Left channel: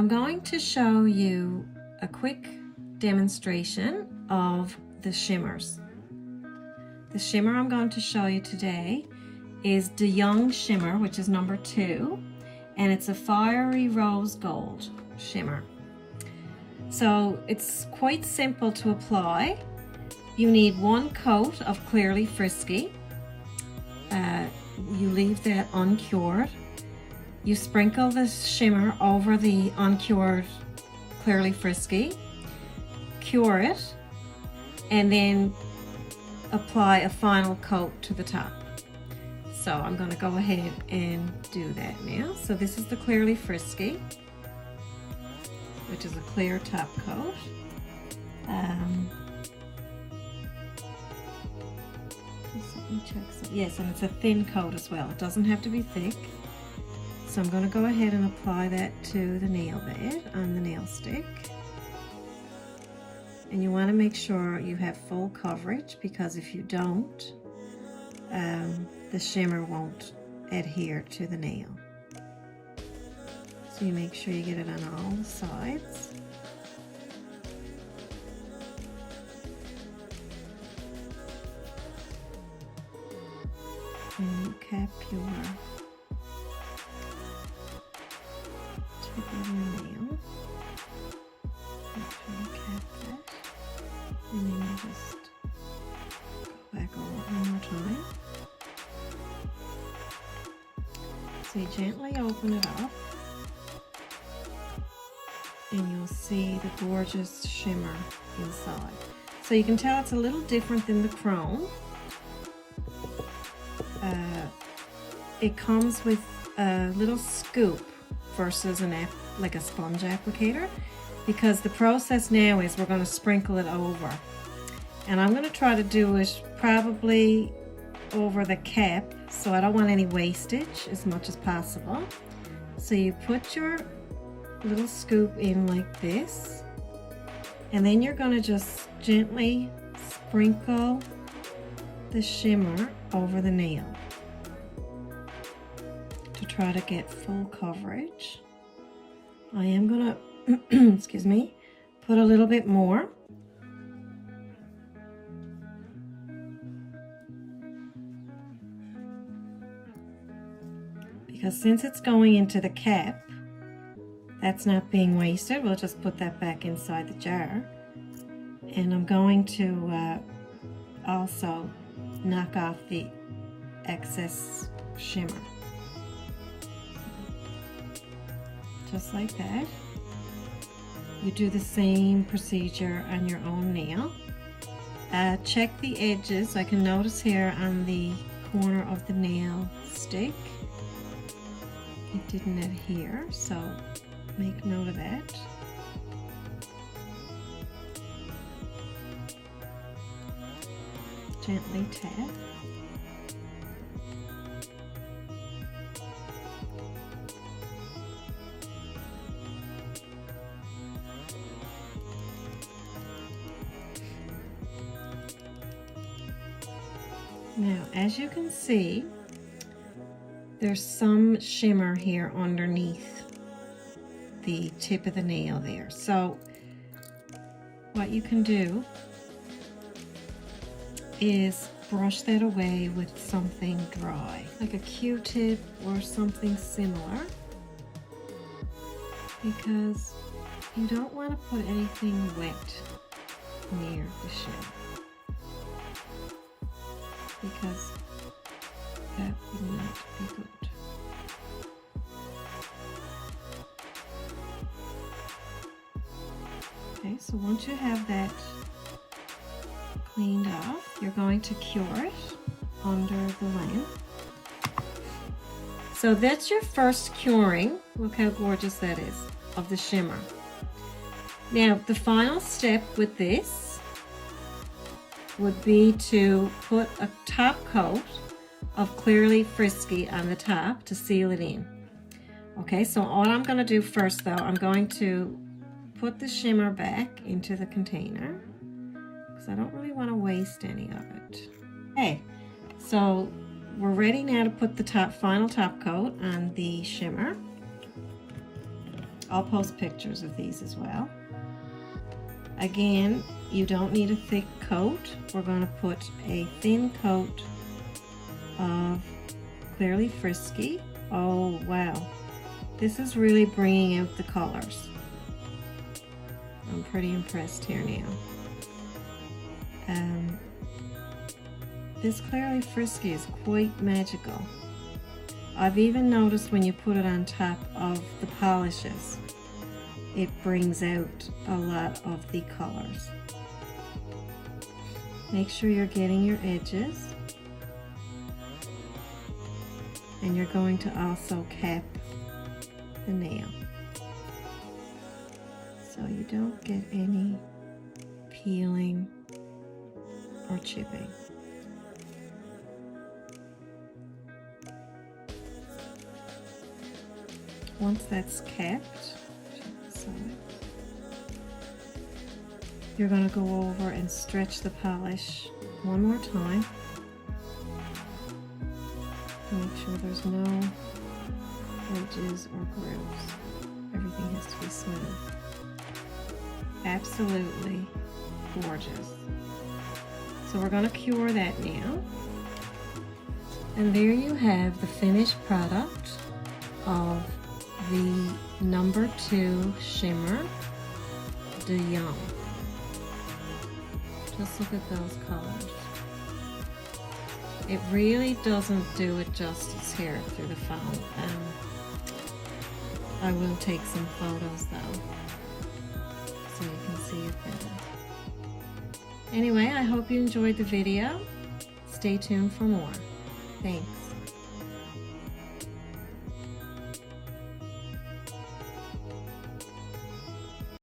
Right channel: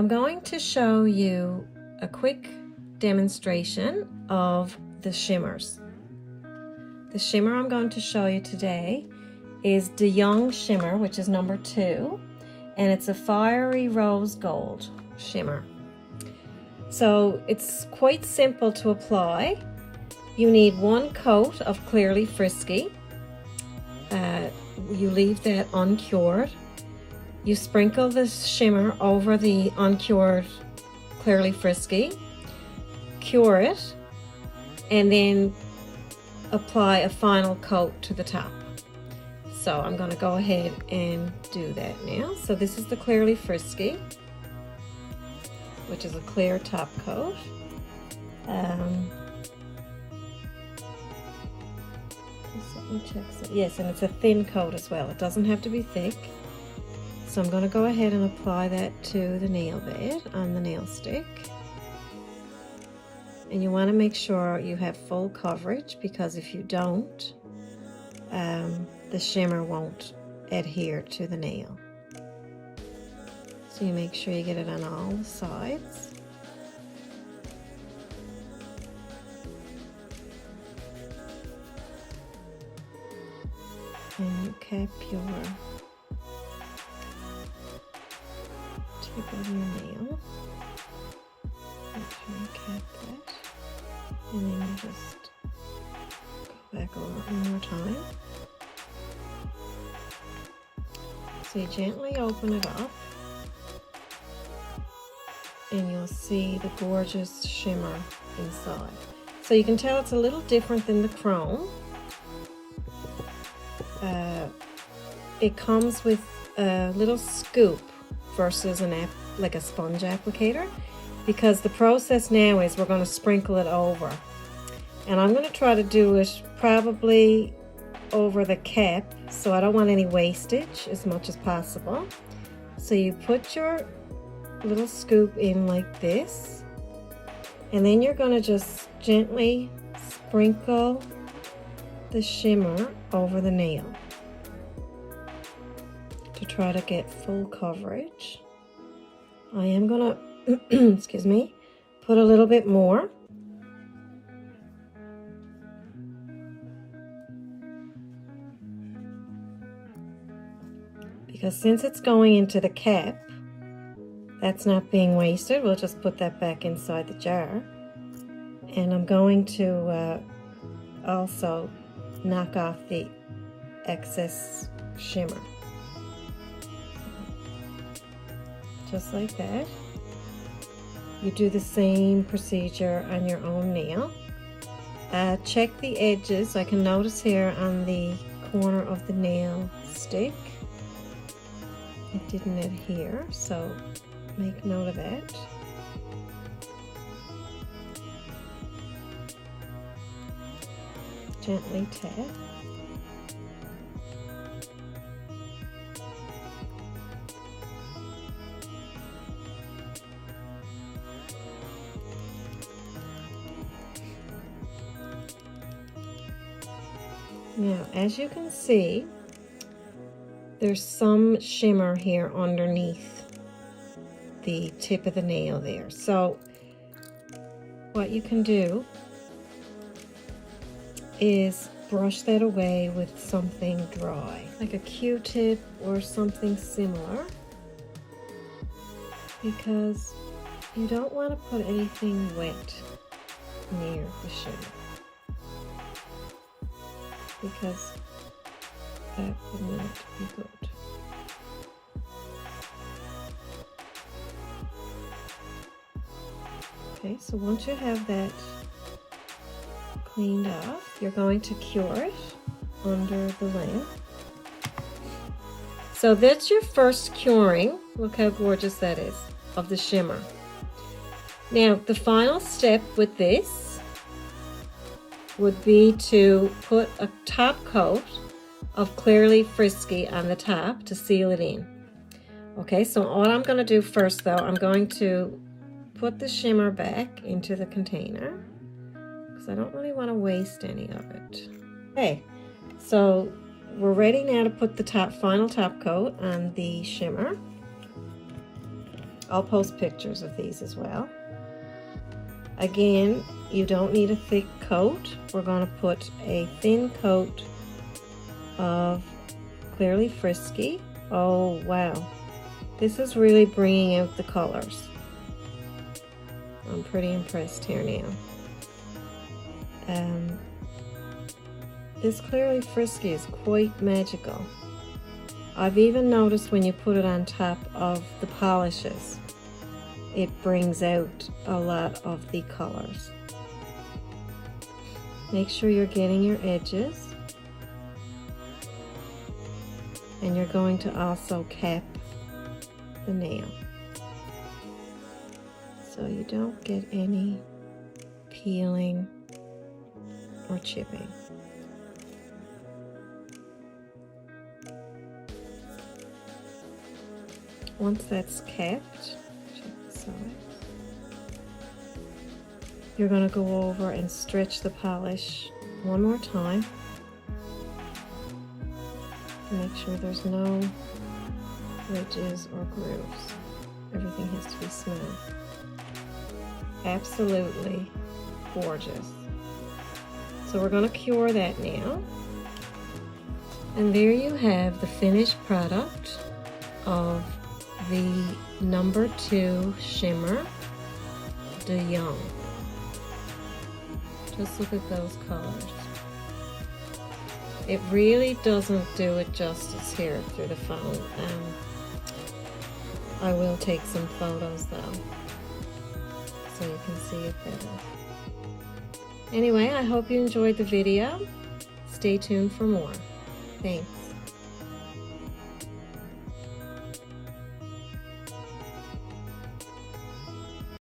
I'm going to show you a quick demonstration of the shimmers. The shimmer I'm going to show you today is DeYoung Shimmer, which is number 2, and it's a fiery rose gold shimmer. So it's quite simple to apply. You need 1 coat of Clearly Frisky. You leave that uncured. You sprinkle the shimmer over the uncured Clearly Frisky, cure it, and then apply a final coat to the top. So I'm going to go ahead and do that now. So this is the Clearly Frisky, which is a clear top coat. Yes, and it's a thin coat as well. It doesn't have to be thick. So I'm going to go ahead and apply that to the nail bed on the nail stick. And you want to make sure you have full coverage, because if you don't, the shimmer won't adhere to the nail. So you make sure you get it on all sides. And you cap your tip of the nail. Make sure you cap that. And then you just go back over it one more time. So you gently open it up, and you'll see the gorgeous shimmer inside. So you can tell it's a little different than the chrome. It comes with a little scoop versus like a sponge applicator, because the process now is we're going to sprinkle it over, and I'm going to try to do it probably over the cap, so I don't want any wastage as much as possible. So you put your little scoop in like this, and then you're going to just gently sprinkle the shimmer over the nail to try to get full coverage. I am going to excuse me, put a little bit more. Because since it's going into the cap, that's not being wasted. We'll just put that back inside the jar. And I'm going to also knock off the excess shimmer. Just like that. You do the same procedure on your own nail. Check the edges. I can notice here on the corner of the nail stick it didn't adhere, so make note of that. Gently tap. Now, as you can see, there's some shimmer here underneath the tip of the nail there. So what you can do is brush that away with something dry, like a Q-tip or something similar, because you don't want to put anything wet near the shimmer, because that would not be good. Okay, so once you have that cleaned up, you're going to cure it under the lamp. So that's your first curing. Look how gorgeous that is, of the shimmer. Now, the final step with this would be to put a top coat of Clearly Frisky on the top to seal it in. Okay, so what I'm going to do first, though, I'm going to put the shimmer back into the container, because I don't really want to waste any of it. Okay, so we're ready now to put the final top coat on the shimmer. I'll post pictures of these as well. Again, you don't need a thick coat. We're going to put a thin coat of Clearly Frisky. Oh wow, this is really bringing out the colors. I'm pretty impressed here now. This Clearly Frisky is quite magical. I've even noticed when you put it on top of the polishes, it brings out a lot of the colors. Make sure you're getting your edges. And you're going to also cap the nail, so you don't get any peeling or chipping. Once that's capped, you're going to go over and stretch the polish one more time. Make sure there's no ridges or grooves. Everything has to be smooth. Absolutely gorgeous. So we're going to cure that now. And there you have the finished product of the number 2 Shimmer DeYoung. Just look at those colors. It really doesn't do it justice here through the phone. I will take some photos though, so you can see it better. Anyway, I hope you enjoyed the video. Stay tuned for more. Thanks.